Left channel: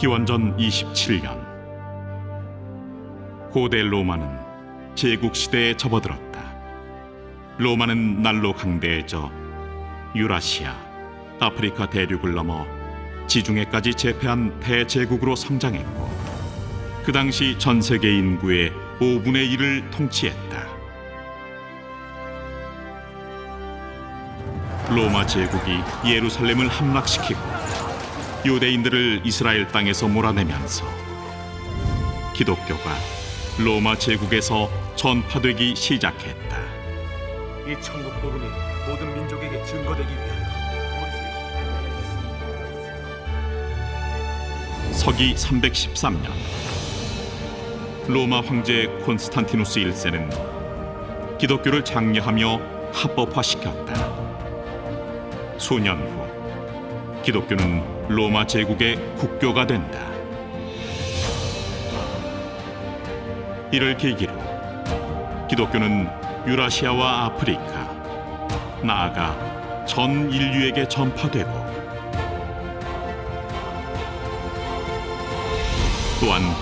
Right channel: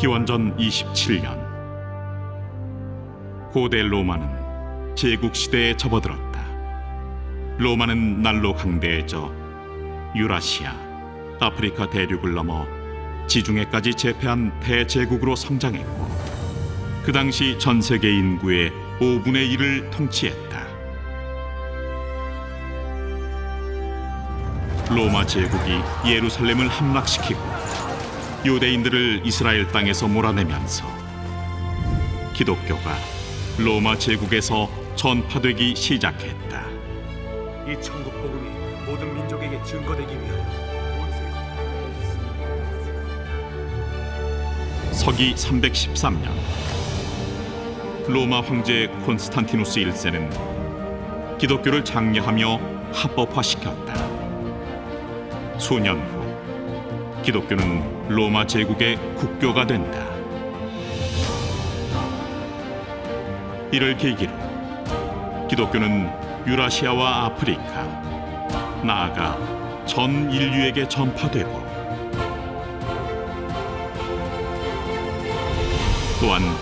기원전 27년 고대 로마는 제국 시대에 접어들었다. 로마는 날로 강대해져 유라시아, 아프리카 대륙을 넘어 지중해까지 제패한 대제국으로 성장했고 그 당시 전 세계 인구의 5분의 1을 통치했다. 로마 제국이 예루살렘을 함락시키고 유대인들을 이스라엘 땅에서 몰아내면서 기독교가 로마 제국에서 전파되기 시작했다. 이 천국 복음이 모든 민족에게 증거되기 위하여 온 세상 서기 313년 로마 황제 콘스탄티누스 1세는 기독교를 장려하며 합법화시켰다. 수년 후 기독교는 로마 제국의 국교가 된다. 이를 계기로 기독교는 유라시아와 아프리카, 나아가 전 인류에게 전파되고 또한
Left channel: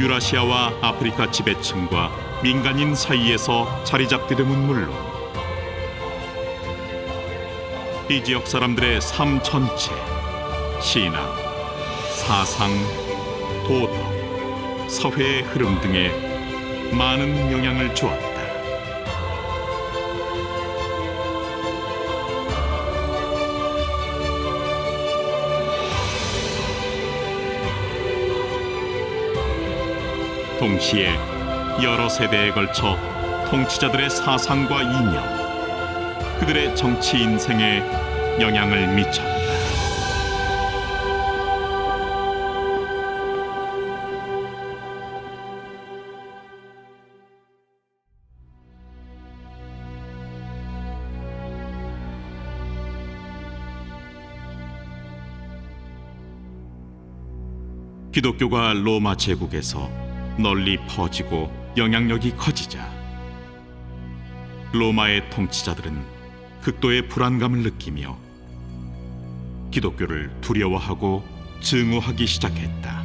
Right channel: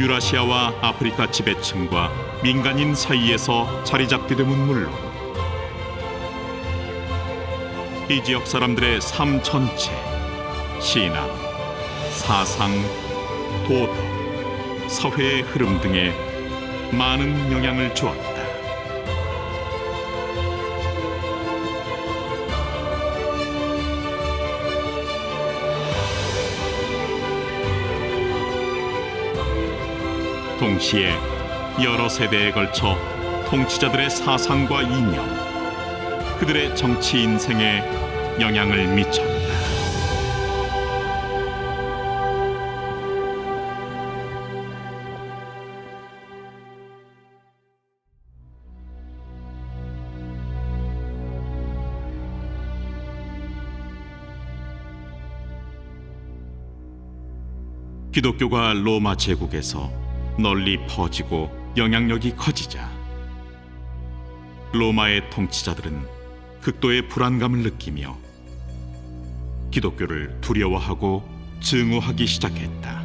유라시아와 아프리카 지배층과 민간인 사이에서 자리 잡게 됨은 물론 이 지역 사람들의 삶 전체, 신앙, 사상, 도덕, 사회의 흐름 등에 많은 영향을 주었다. 동시에 여러 세대에 걸쳐 통치자들의 사상과 이념, 그들의 정치 인생에 영향을 미쳤다. 기독교가 로마 제국에서 널리 퍼지고 영향력이 커지자 로마의 통치자들은 극도의 불안감을 느끼며 기독교를 두려워하고 증오하기 시작했다.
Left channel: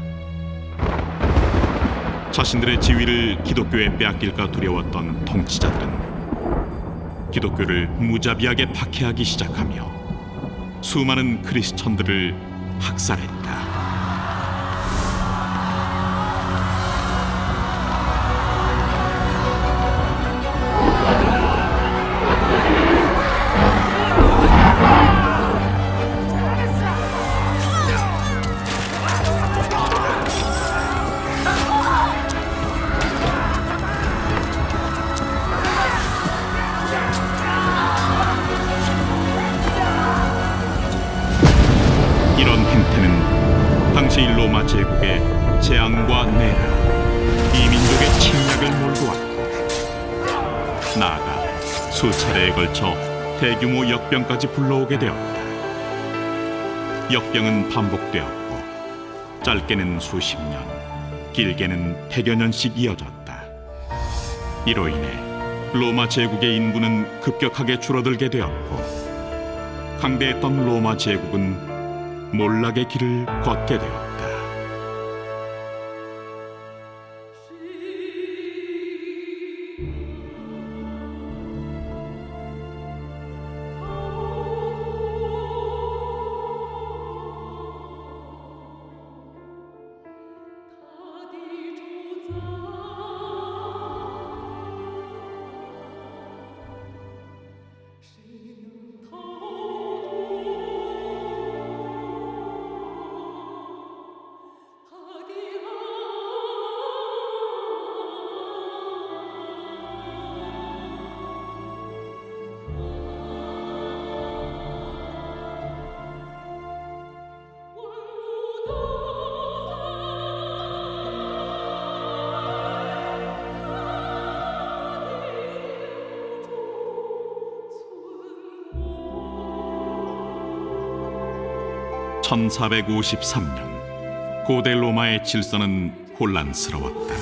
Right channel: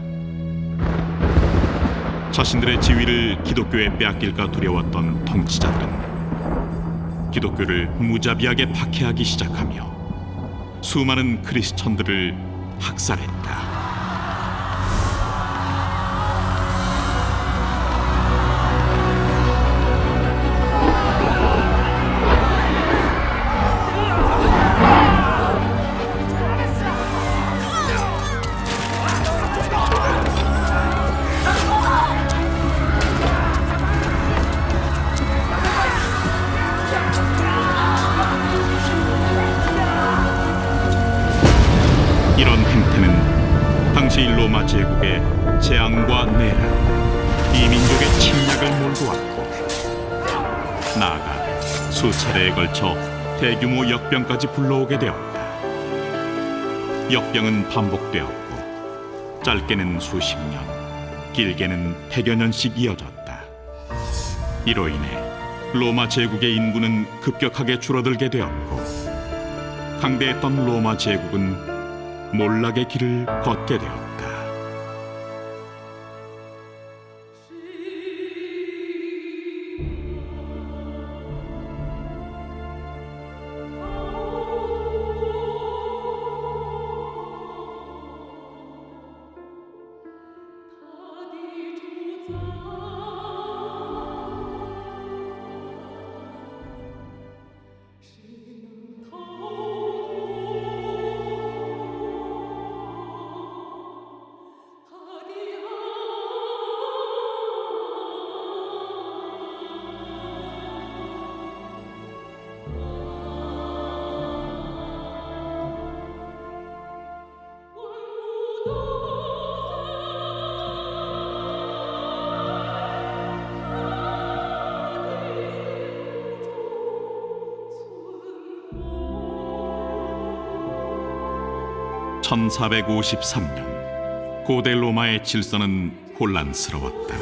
자신들의 지위를 기독교에 빼앗길까 두려웠던 통치자들은 기독교를 무자비하게 박해하기 시작하며 수많은 크리스천들을 학살했다. 당시 로마 제국의 재앙과 내란, 이 민족의 침략을 몰고 왔고 나아가 수차례에 걸쳐 대규모 역병까지 불러오게 되었다. 역병은 반복되었고 짧게는 수십 년, 길게는 백여 년씩 이어졌다. 이로 인해 로마 제국의 인구는 급격하게 줄어들게 되었고 강대했던 로마 제국은 몰락의 길을 걷게 되었다. (1453년) 고대 로마의 질서는 혼란스러웠다.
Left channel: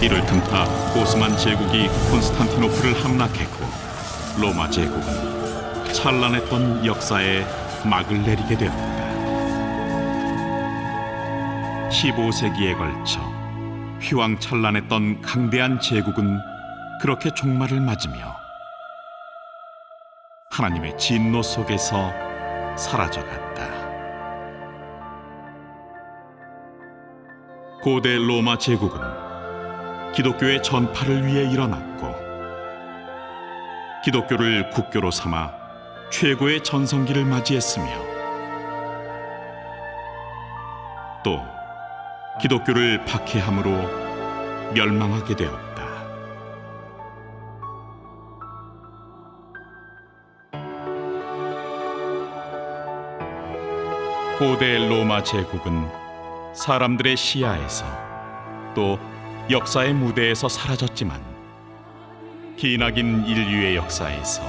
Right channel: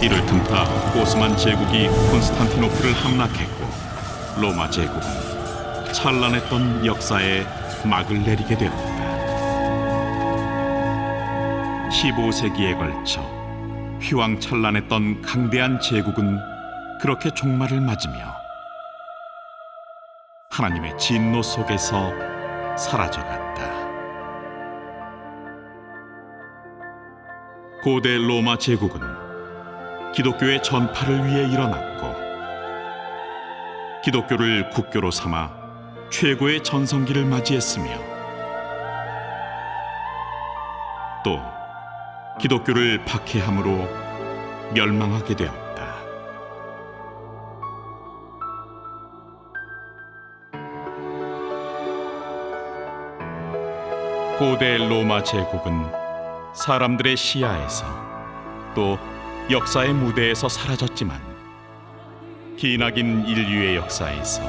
이를 틈타 오스만 제국이 콘스탄티노플을 함락했고 로마 제국은 찬란했던 역사에 막을 내리게 되었다. 15세기에 걸쳐 휘황찬란했던 강대한 제국은 그렇게 종말을 맞으며 하나님의 진노 속에서 사라져갔다. 고대 로마 제국은 기독교의 전파를 위해 일어났고 기독교를 국교로 삼아 최고의 전성기를 맞이했으며 또 기독교를 박해함으로 멸망하게 되었다. 고대 로마 제국은 사람들의 시야에서 또 역사의 무대에서 사라졌지만 기나긴 인류의 역사에서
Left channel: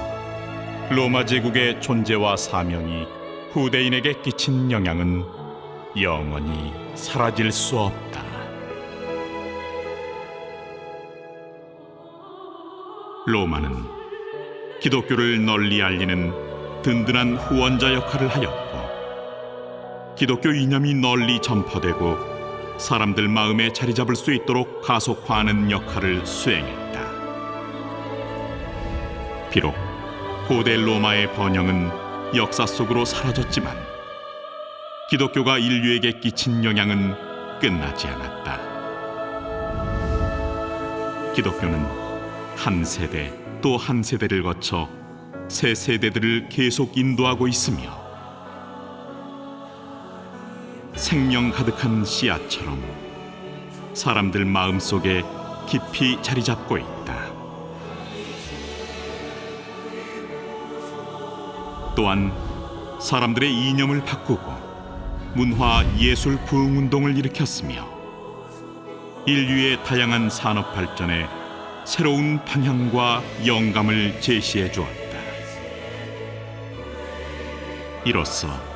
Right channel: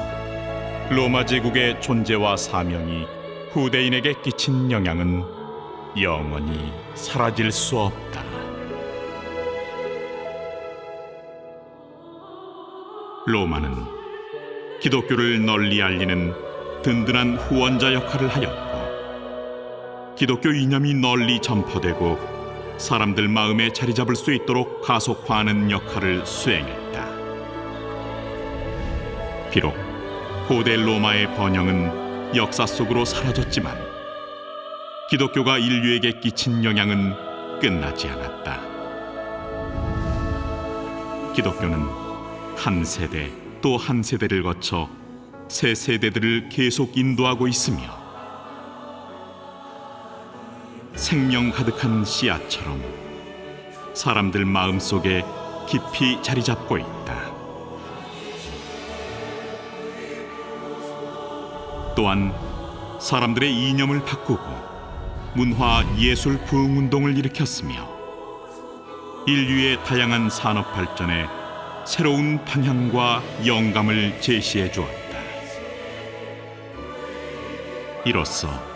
로마 제국의 존재와 사명이 후대인에게 끼친 영향은 영원히 사라질 수 없다. 로마는 기독교를 널리 알리는 든든한 후원자 역할을 하였고 기독교 이념이 널리 전파되고 사람들 마음에 자리 잡을 수 있도록 가속화하는 역할을 수행했다. 비록 고대 로마의 번영은 역사 속으로 사라졌지만 기독교가 인류에게 끼친 영향은 끝나지 않았다. 기독교는 한 세대 또 한 세대를 거쳐 새 세대들을 계속 인도하고 있으며 생명 가득한 씨앗처럼 사람들 마음 속에 깊이 자리 잡고 있다. 또한 사람들의 이념을 바꾸고 문화 예술 부흥 운동을 일으켰으며 인류의 다양한 산업 발전에 새로운 방향과 영감을 제시해 주었다. 이로써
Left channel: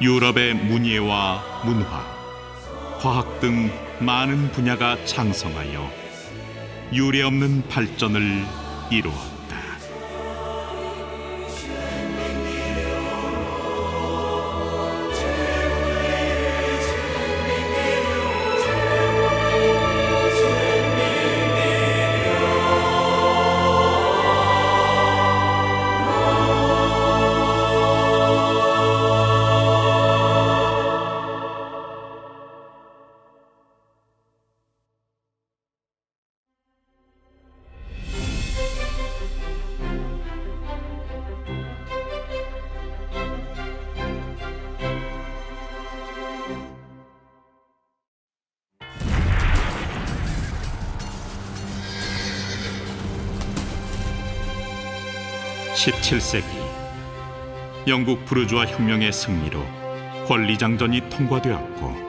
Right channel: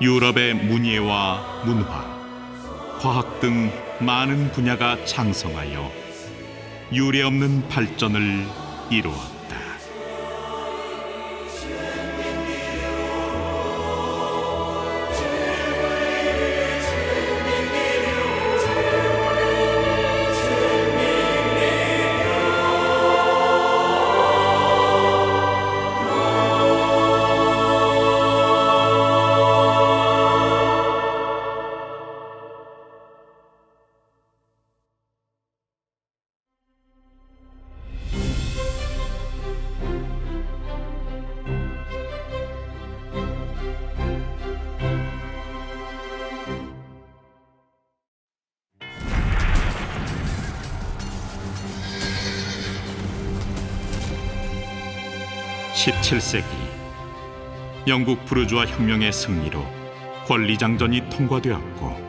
유럽의 문예와 문화, 과학 등 많은 분야가 창성하여 유례없는 발전을 이루었다. (17세기) 영국 부르주아 혁명의 승리로 권리장전이 통과되었고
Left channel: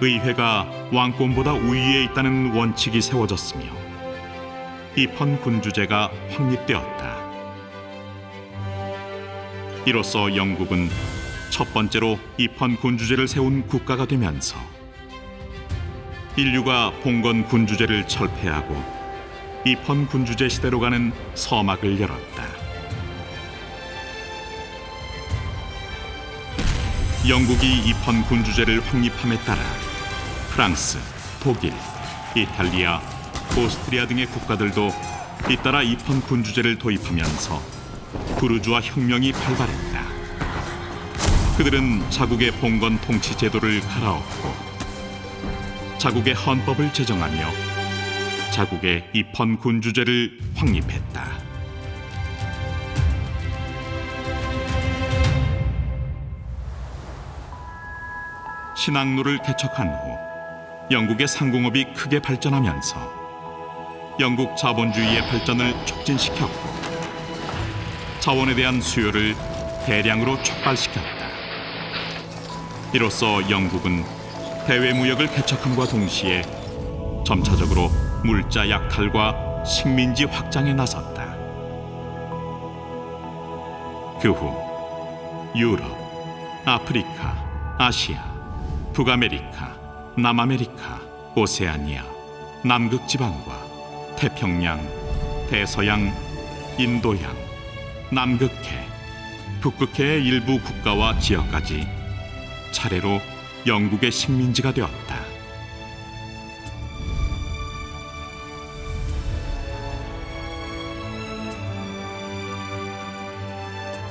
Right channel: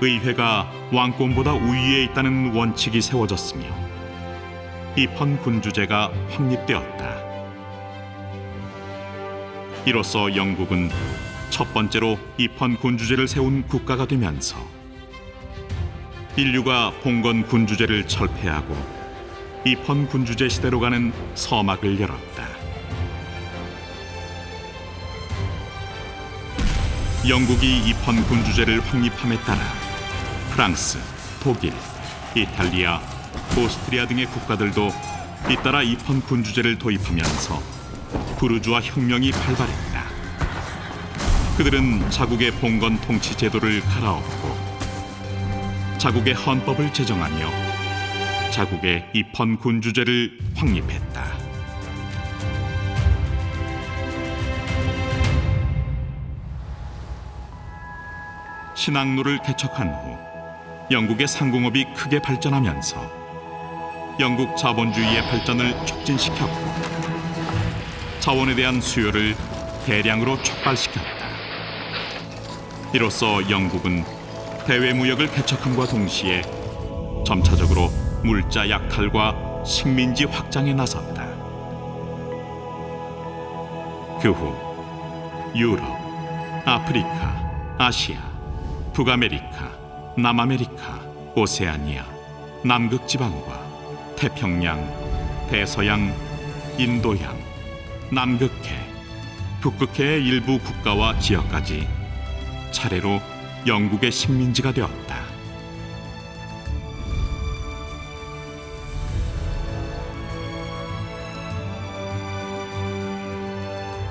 의회가 왕권보다 우위에 있다는 원칙이 세워졌으며 입헌 군주제가 확립되었다. 이로써 영국은 첫 번째로 입헌 군주제를 세운 국가가 되면서 인류가 봉건 군주제를 철폐하고 입헌 군주제 시대로 가는 서막을 열었다. 영국이 입헌 군주제를 확립함에 따라 프랑스, 독일, 이탈리아, 오스트리아 등의 국가들도 잇따라 입헌 군주제를 도입하면서 부르주아 혁명이 발발했다. 그들은 자국의 봉건 통치 제도를 갈아엎고 자국의 헌법을 제정하며 자국의 입헌 군주제를 확립했다. 신항로를 개척한 후 영국의 상공업이 크게 발전하면서 영국 자본주의의 발전을 촉진시켰고 자원에 대한 수요를 대량으로 촉발시켰다. 이로써 영국은 대외 무역을 개척함과 동시에 점차적으로 물자 약탈과 식민지 확장에 나섰다. 그 후 유럽, 아프리카, 아시아, 북아메리카, 남아메리카, 오세아니아, 남극 지방과 태평양, 대서양, 인도양, 남극해, 북극해의 일부 국가와 지역까지 차례로 영국의 식민지가 되었다.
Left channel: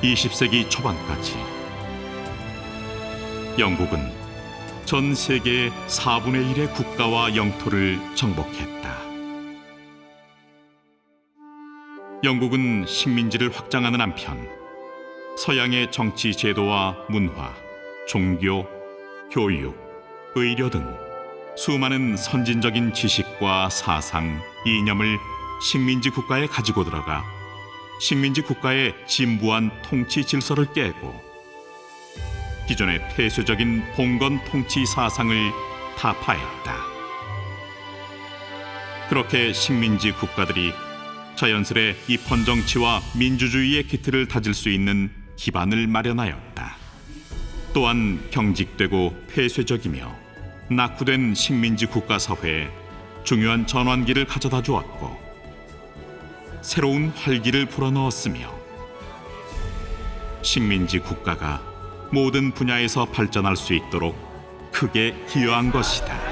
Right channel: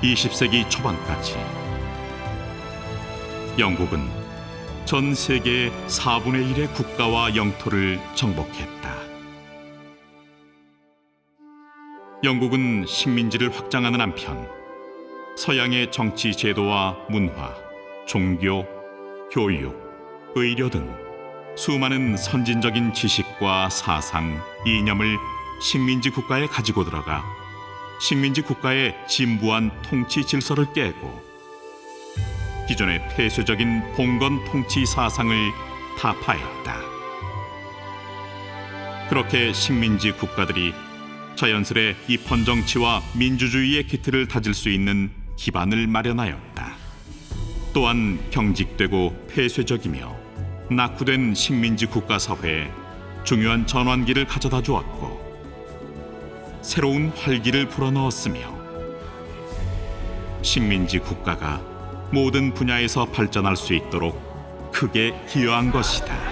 20세기 초반까지 영국은 전 세계의 4분의 1의 국가와 영토를 정복했다. 영국은 식민지를 확장하는 한편 서양의 정치 제도와 문화, 종교, 교육, 의료 등 수많은 선진적인 지식과 사상, 이념을 식민지 국가에 가지고 들어가 식민지 국가의 진부한 통치 질서를 깨고 기존의 폐쇄적인 봉건 통치 사상을 타파했다. 그렇게 식민지 국가들이 자연스레 입헌 정치와 민주주의의 기틀을 다질 수 있는 기반을 마련하였다. 또한 경직되고 폐쇄적이며 낙후된 식민지 국가 사회에 중요한 전환기를 가져다 주었고 새로운 활기를 불어넣었으며 식민지 국가가 모든 분야에서 발전할 수 있도록 크게 기여한 것이다.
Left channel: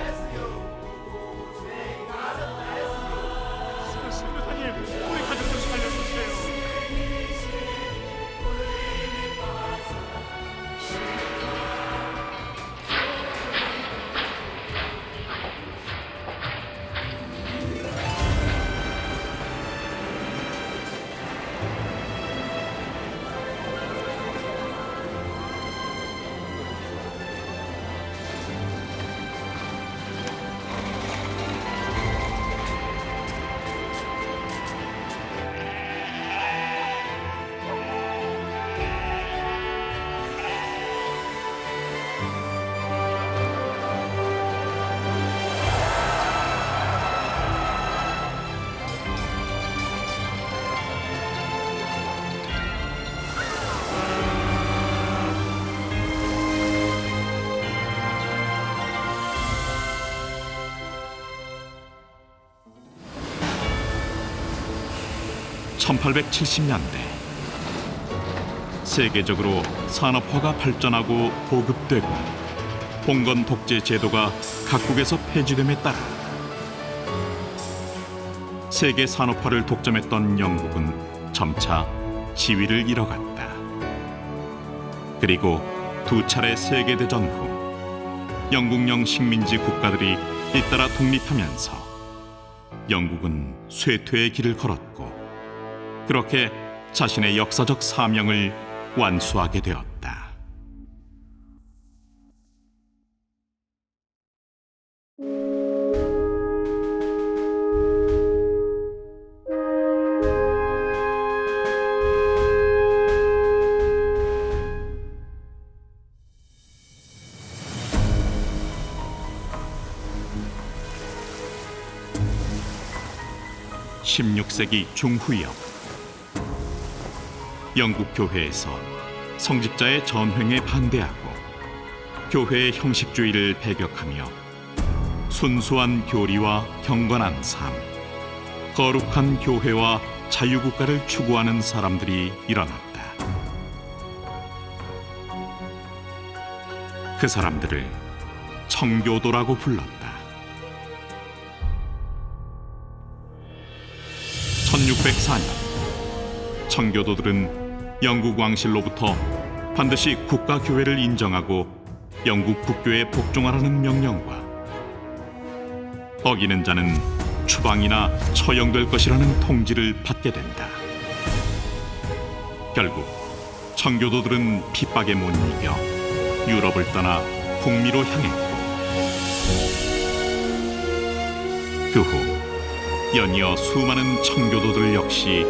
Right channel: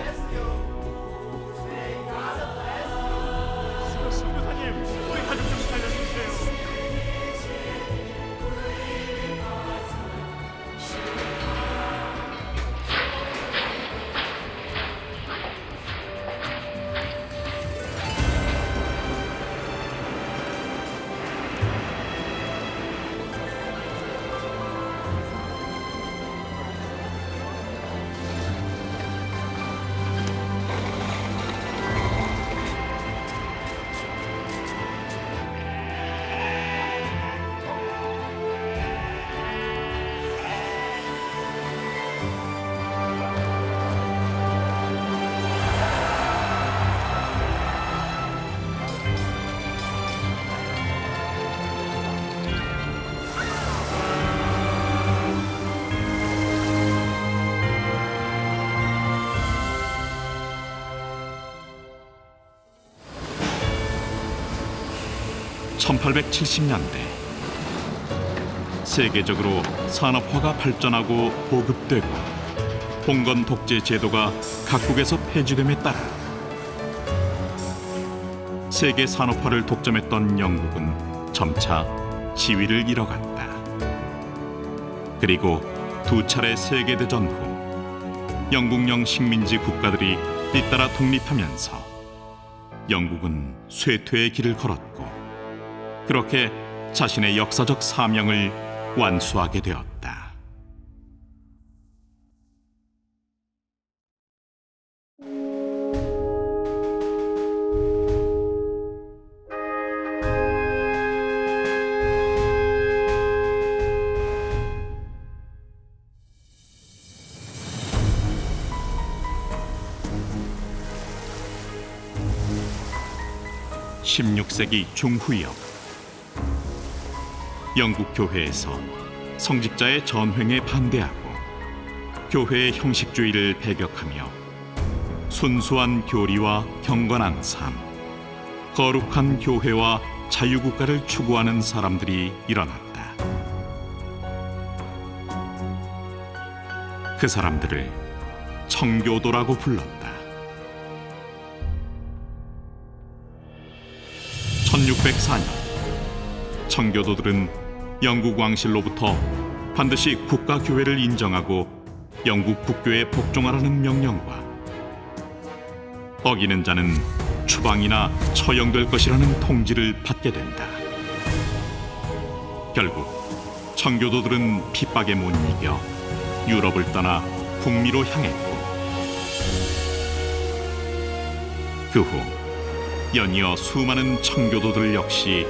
(1870년대) 세계적으로 산업화가 발전하고 보급되고 봉건 독재 제도가 각국에서 폐지됨에 따라 세계 산업화를 독점했던 영국은 점차 지위를 잃어갔다. 그리고 두 차례 세계 대전 후 영국령 식민지 국가들이 잇따라 독립하면서 영국은 쇠퇴의 길을 걸었고 그렇게 자신의 역사적 사명을 완수하게 되었다. (16세기) 중후역 영국 교회에서 성직자의 전횡에 반대하고 교회의 형식주의를 배격하며 순수한 교리와 경건한 삶, 거룩한 교회와 자유국가를 추구하는 사람들이 일어났다. 그 사람들을 청교도라고 불렀다. 1604년 청교도들은 영국 왕실로부터 반드시 국가 교회를 인정하고 영국 국교에 복종하라는 명령과 어기는 자는 추방이나 처형될 것이라는 통지를 받게 된다. 결국 청교도들은 핍박에 못 이겨 유럽을 떠나 북미로 향했고 그 후 연이어 수많은 청교도들 역시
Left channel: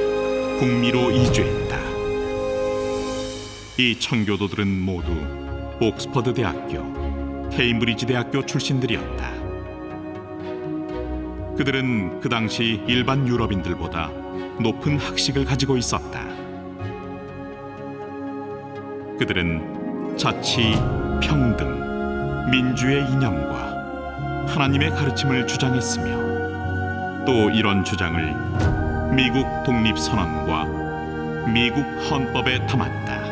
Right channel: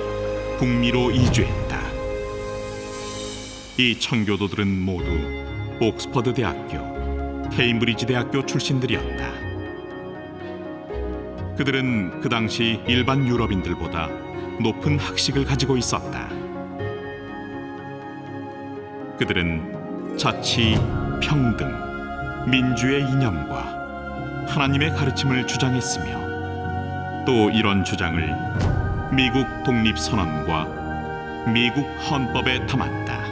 북미로 이주했다. 이 청교도들은 모두 옥스퍼드 대학교, 케임브리지 대학교 출신들이었다. 그들은 그 당시 일반 유럽인들보다 높은 학식을 가지고 있었다. 그들은 자치, 평등, 민주의 이념과 하나님의 가르침을 주장했으며 또 이런 주장을 미국 독립선언과 미국 헌법에 담았다.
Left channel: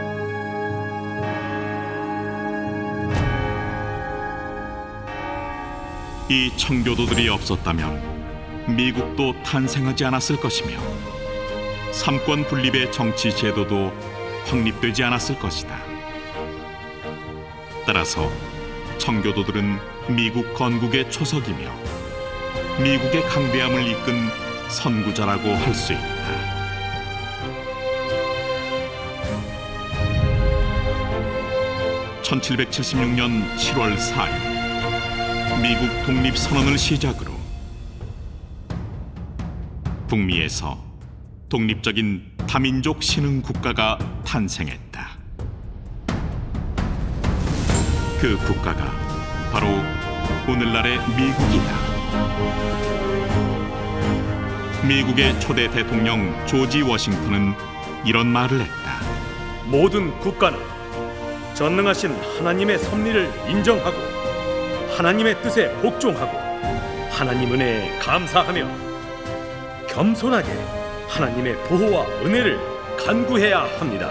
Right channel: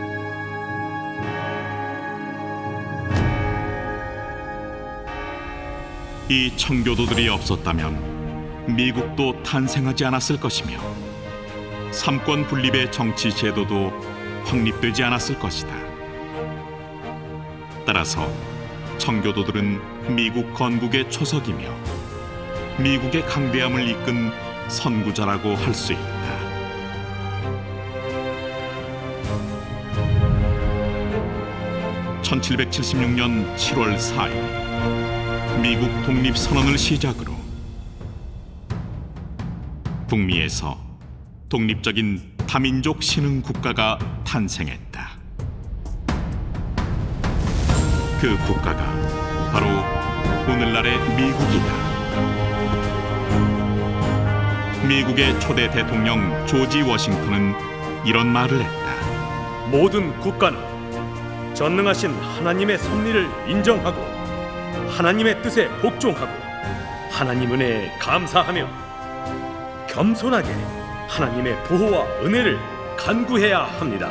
이 청교도들이 없었다면 미국도 탄생하지 않았을 것이며 삼권 분립의 정치 제도도 확립되지 않았을 것이다. 따라서 청교도들은 미국 건국의 초석이며 미국의 강대함을 이끈 선구자라고 할 수 있다. (1776년 7월 4일) 미국 독립 선언을 시작으로 북미에서 독립적인 다민족 신흥 국가가 탄생했다. 그 국가가 바로 오늘날의 미국이다. 미국의 초대 대통령 조지 워싱턴은 이런 말을 했다. 모든 국가는 전능하신 하나님의 섭리를 인정하고 하나님의 뜻에 복종하고 하나님 은혜에 감사하며 겸손하게 하나님의 보호와 은혜를 간구해야 합니다.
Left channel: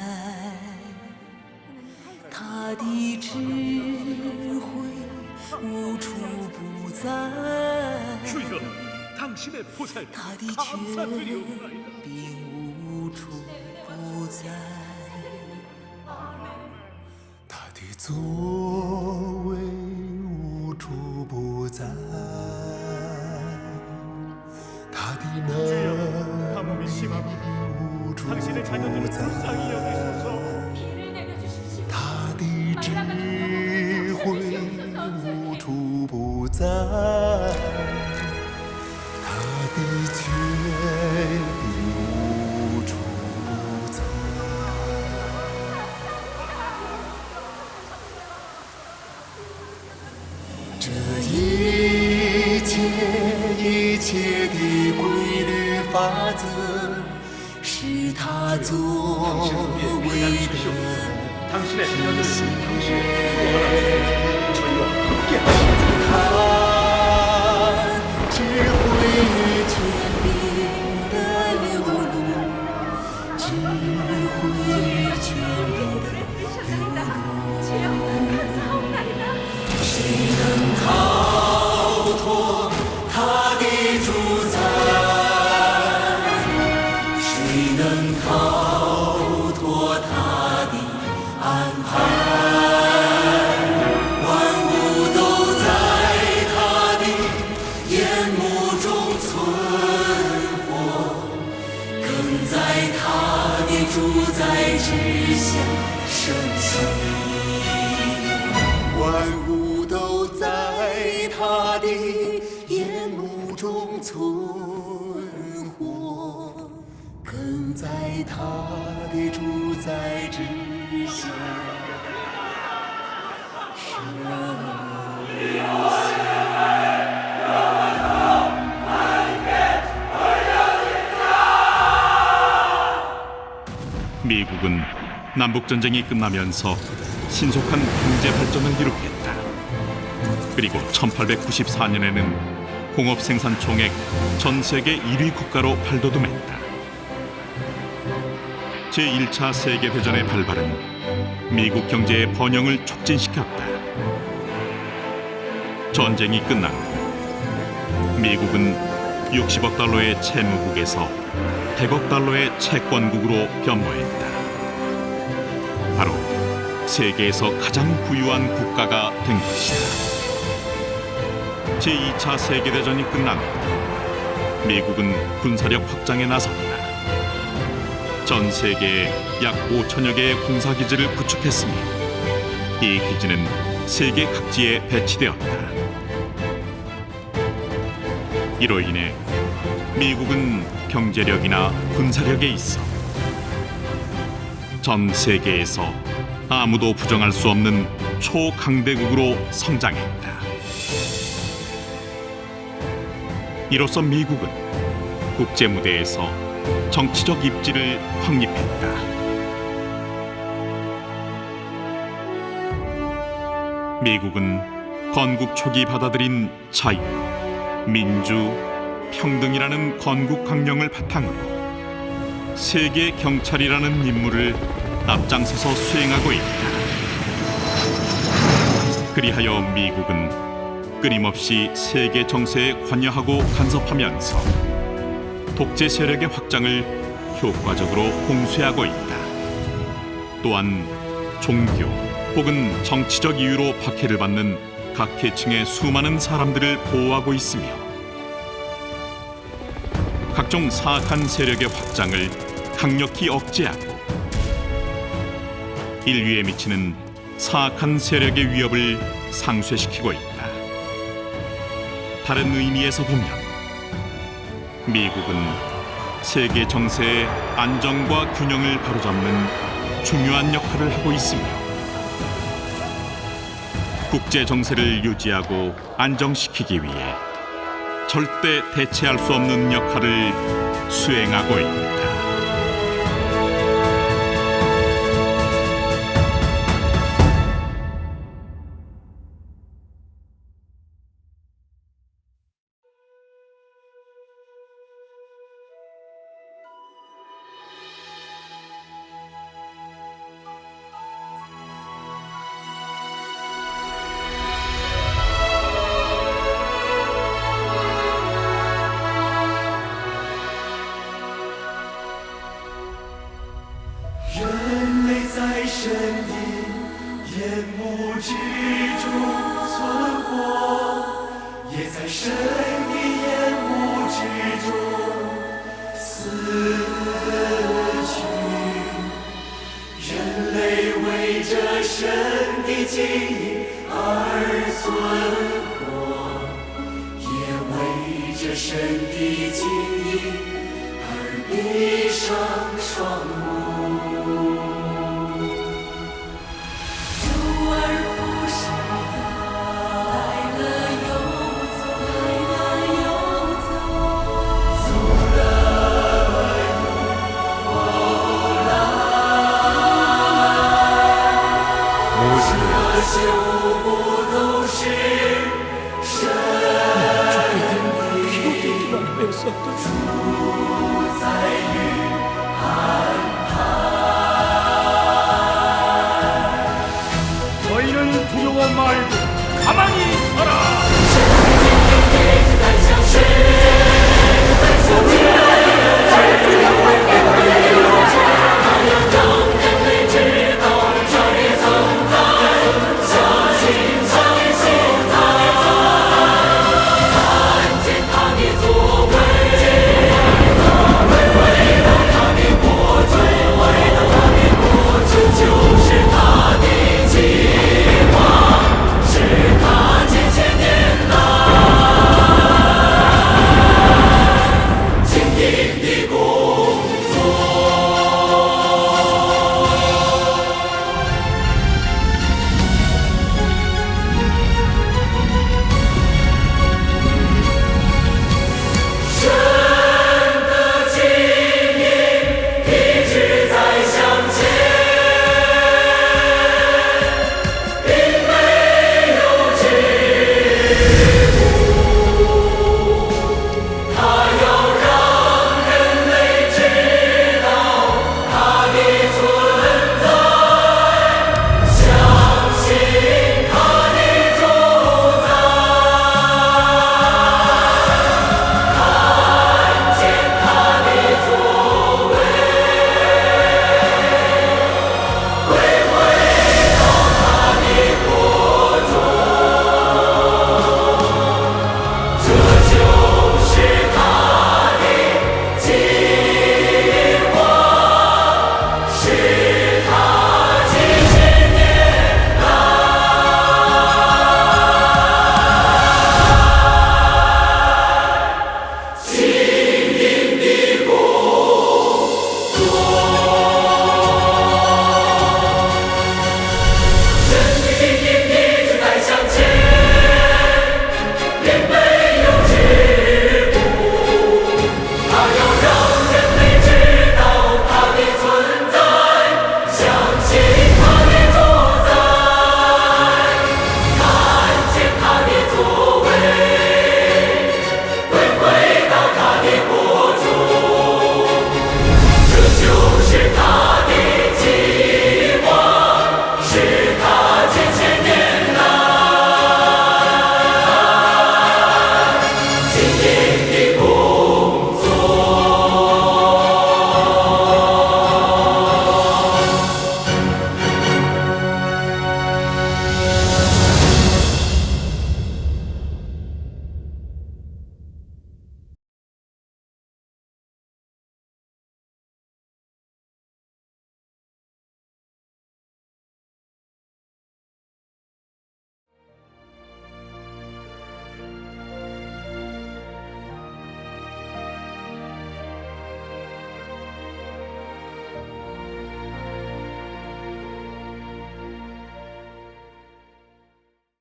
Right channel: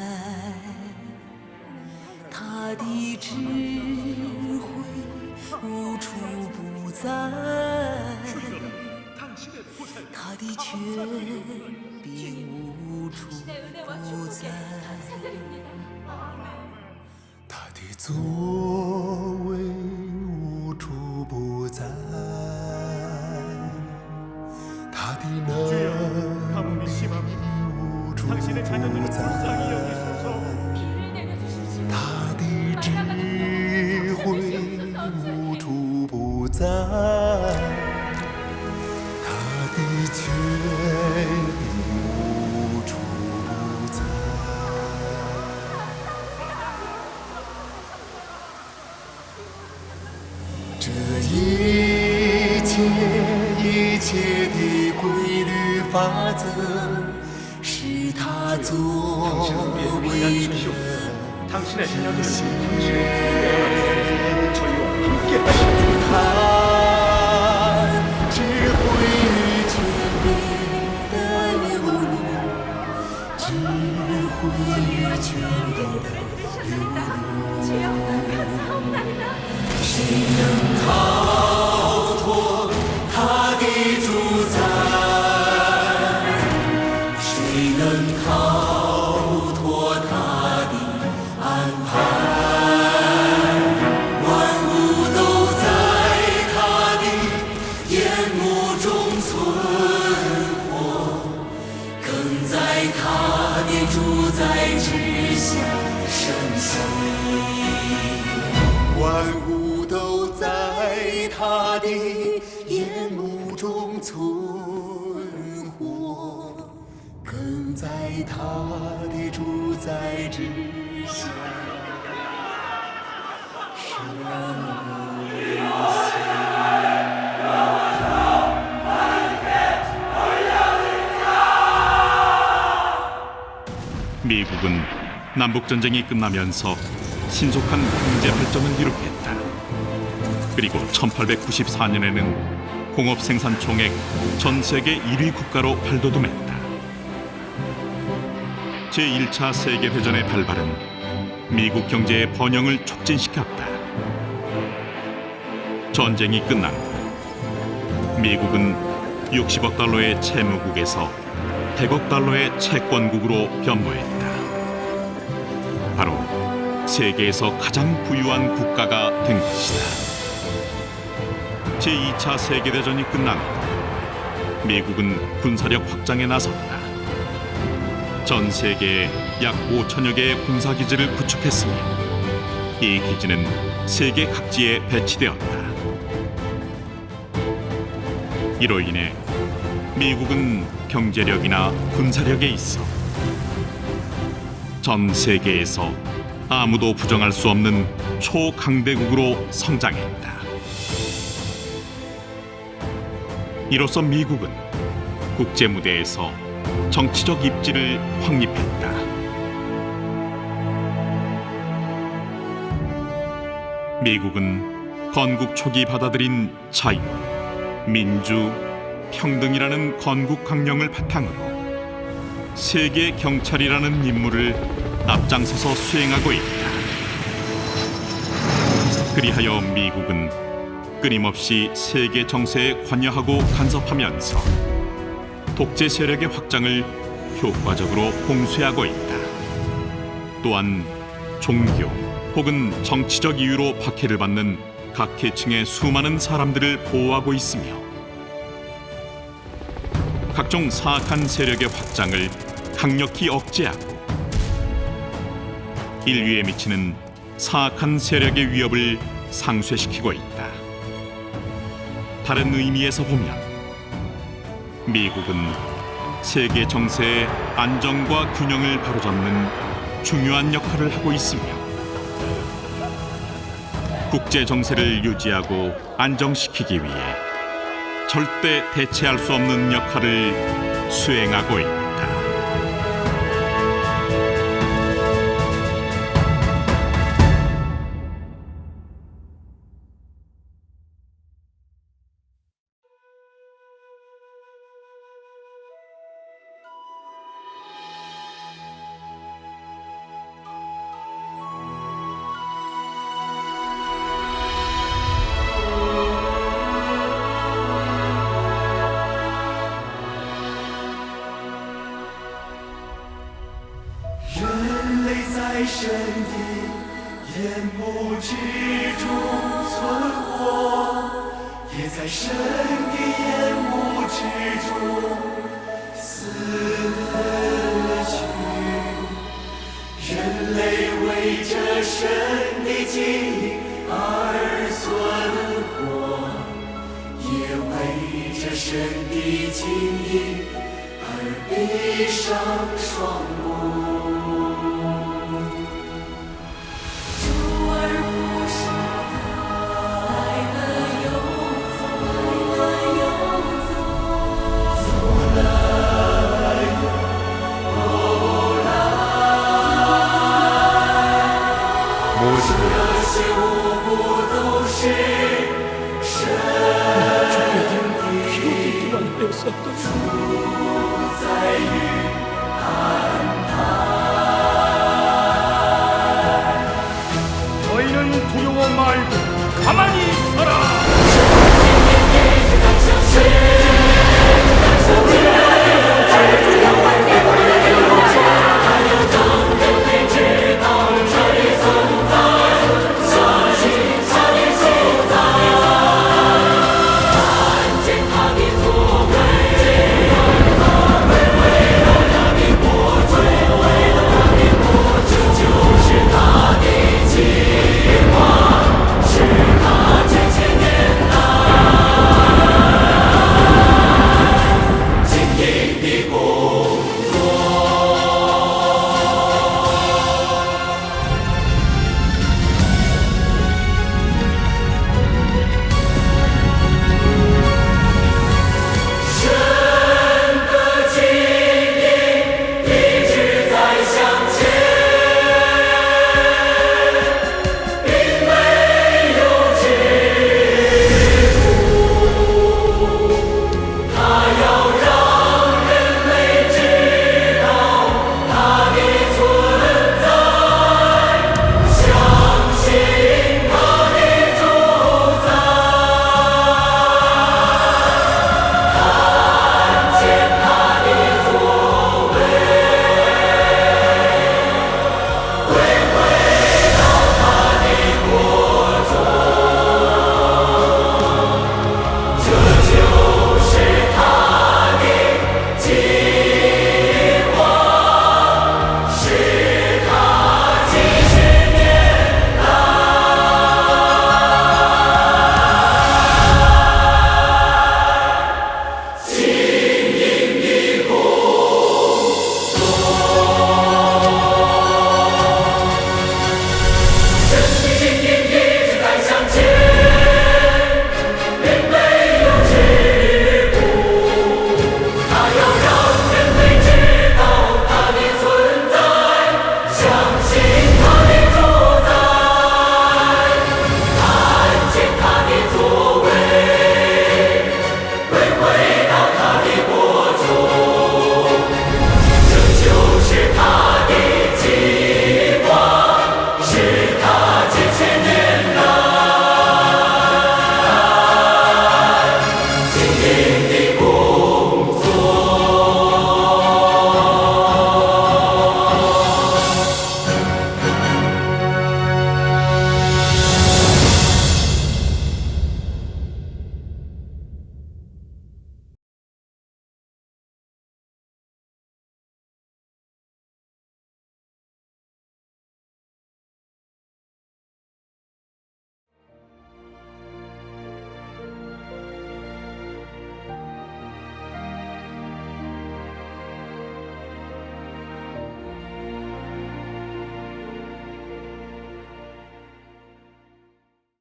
他的权利无处不在他的座位无处不在他的能力无处不在他的智慧无处不在。的确，无处不在。这一切一切的规律法则，是他作为的体现。谁能逃脱主宰之下升起。万物都在他的眼目中存活，更在他的主宰之 미국은 남북 전쟁이 끝나면서 신속한 경제 발전을 이룩했다. 그리고 1894년에는 공업 생산 총액 전 세계 1위 국가로 발돋움했다. 제1차 세계 대전의 발발은 미국 경제의 번영을 촉진시켰다. 전쟁이 끝난 후 미국은 60억 달러의 채무국에서 100억 달러의 채권국으로 변모했다. 바로 세계에서 가장 부유한 국가가 된 것이다. 제2차 세계대전이 끝난 후 미국은 군사력 확장에 나섰다. 전 세계에 약 5천여 개의 군사기지를 구축했으며 이 기지는 세계 각지에 배치되었다. 이로 인해 미국은 경제력이나 군사력에 있어 전 세계에서 아무도 부정할 수 없는 초강대국으로 성장했다. 이로써 미국은 국제 무대에서 정치적 입지를 확립했다. 미국은 건국 초기 받아들인 자유, 민주, 평등이라는 건국 강령을 바탕으로 세계 경찰이라는 임무를 앞장서서 수행하고 있다. 그리하여 미국은 끊임없이 세계 정세에 관여하고 간섭하면서 독재 세력의 확장을 효과적으로 봉쇄하고 있다. 또한 종교 혹은 정치적 이유로 박해를 받는 각 계층의 수많은 사람들을 보호하고 있으며 각종 사악한 세력의 확장을 강력히 억제하고 인류에 미치는 사악한 세력의 위협을 상쇄시키고 있다. 다른 의미에서 보면 미국은 세계 정세의 안정과 균형을 바로잡는 중요한 역할을 하고 있으며 국제 정세를 유지하고 안정시키기 위해 절대 대체할 수 없는 역할을 수행하고 있다. 神的烟雾之中死去。人类为着神的敬意而存活，也为着神的敬意而闭上双目。 귀로 듣기만 하였었더니 너희는 두려워 말고 가만히